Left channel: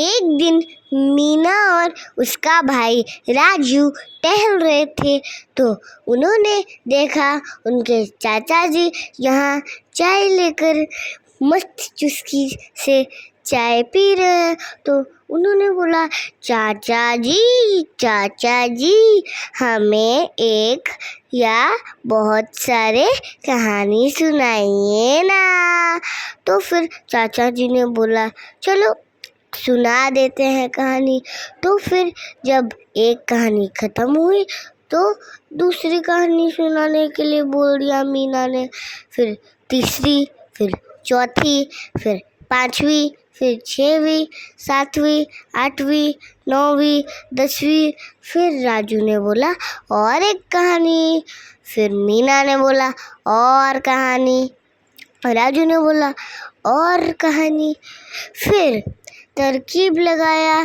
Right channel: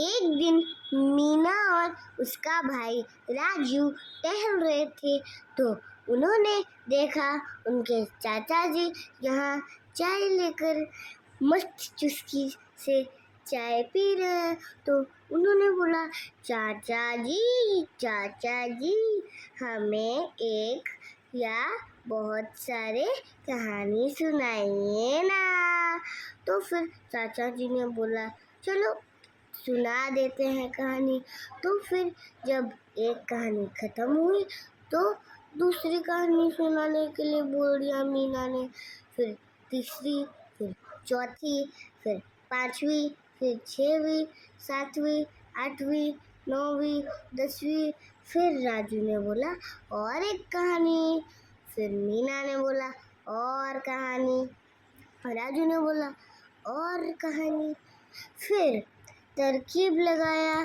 एक दिन मीना और उसका भाई राजू टहल रहे थे तो उन्होंने देखा उनके चाचा जी यहाँ चाय लेकर मस्त चुस्की से चाय पी रहे हैं। तो उन्होंने बोला, चाचा जी हमें एक या बहुत सारे कहानी सुनाइए ना। तो फिर चाचा जी ने बोला, चलो सुना देते हैं कहानी। तो फिर जब एक कहानी खत्म हुई तो दूसरी कहानी सुनाने के लिए बोल दिया मीना ने। फिर तीसरी, फिर चौथी, फिर पांचवी, फिर छठवीं, सातवीं, आठवीं, नौवीं, 10वीं। फिर राजू ने बोला और एक कहानी। फिर मीना ने बोला और कहानी। राजू ने बोला और कहानी। फिर तरकीब लगाया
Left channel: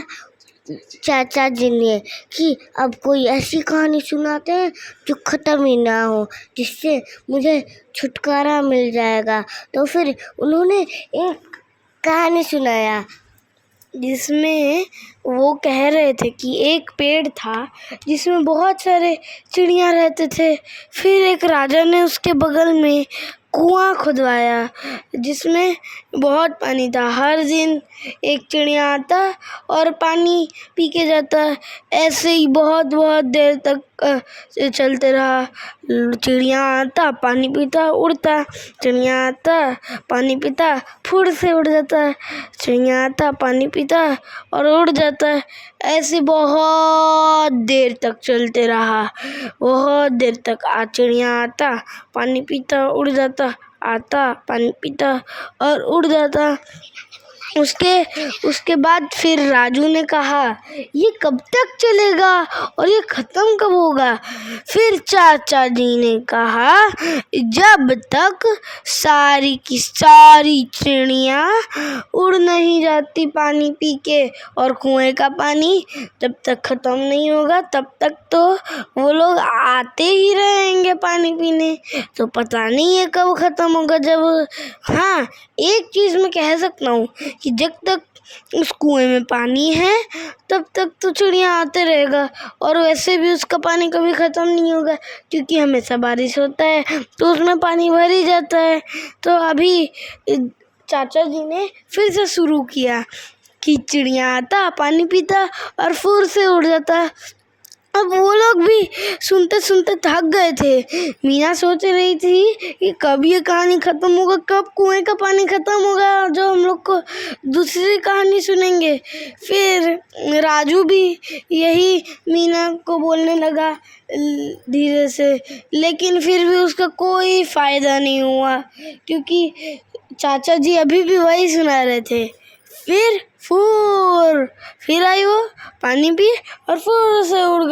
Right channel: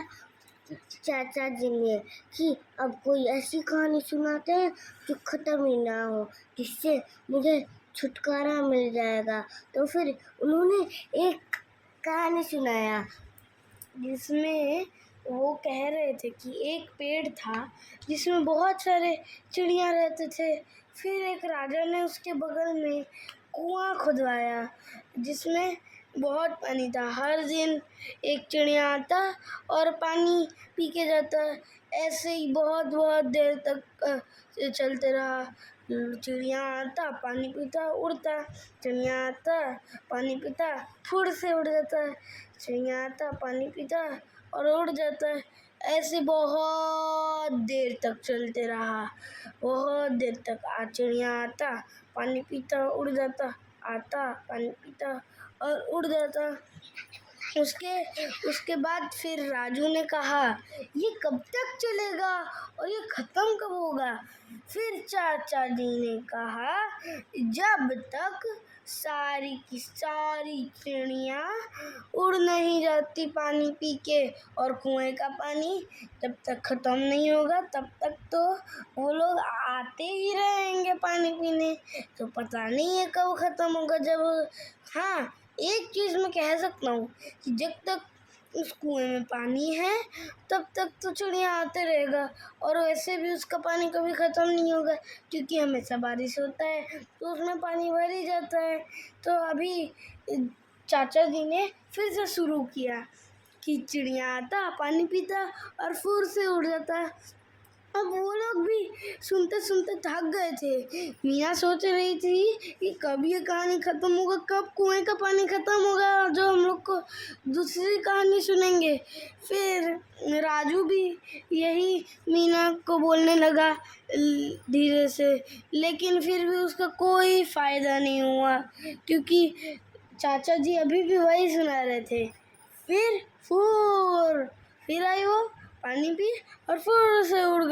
चाचा जी ने कि अब कोई ऐसी कहानी सुनाते हैं जो ख़त्म ही ना हो, जिससे मुझे छुटकारा मिल जाएगा। तो फिर उन्होंने एक कहानी सुनाया जिसमें वो कह रहे थे कि एक पेड़ था जिसमें बहुत सारे चिड़िया रहते थे। फिर एक राजा ने उसके बगल में कुआं खुदवाया जिसमें बहुत पानी था। हर दिन एक चिड़िया आता और पानी पी के जाता। ऐसे ही बहुत बहुत देर तक चलते रहा। चिड़िया आता, पानी पीता, उड़ता। चिड़िया आता, पानी पीता, फुर से उड़ जाता। चिड़िया आता, पानी पीता और उड़ जाता। ऐसे बहुत देर तक चलते रहा। बहुत देर तक चिड़िया आता, पानी पीता, उड़ जाता, आता, पानी पीता और उड़ जाता। उसके बाद फिर राजू ने कहा, ये कब तक चलेगा और ये ख़त्म कब होगा? फिर चाचा जी ने कहा, जब तक सारी की सारी चिड़िया उड़ नहीं जाती पानी पी के और कुएं का पानी जब तक ख़त्म नहीं होगा तब तक तो वो लोग आते ही रहेंगे पानी पीने। तो पता नहीं है कब ख़त्म होगा। जब हाँ, एक चीज़ मैं कह सकता हूँ कि जब तक उस कुएं में पानी है तब तक तो चिड़िया आते रहेगा। और वैसे भी उसका पानी कभी ख़त्म नहीं होगा क्योंकि हमेशा बारिश होता है तो उसमें पानी भर ही जाता है। तो अभी चाचा जी ने फिर से शुरू किया कि चिड़िया आता, पानी पीता और फुर से उड़ जाता। अब वो लोग भी सुनते सुनते थक गए थे। मीना सोच रही थी कि कब ये कहानी ख़त्म होगा, कब कुएं का पानी ख़त्म होगा जो हम लोग को दूसरी कहानी सुनेंगे। फिर राजू भी यही मीना को बोलने लगा धीरे से, लेकिन फिर भी उसका कोई फ़ायदा नहीं हुआ क्योंकि चाचा जी अभी भी वही सुना रहे थे। फिर आई वो, पानी पी और फुर से उड़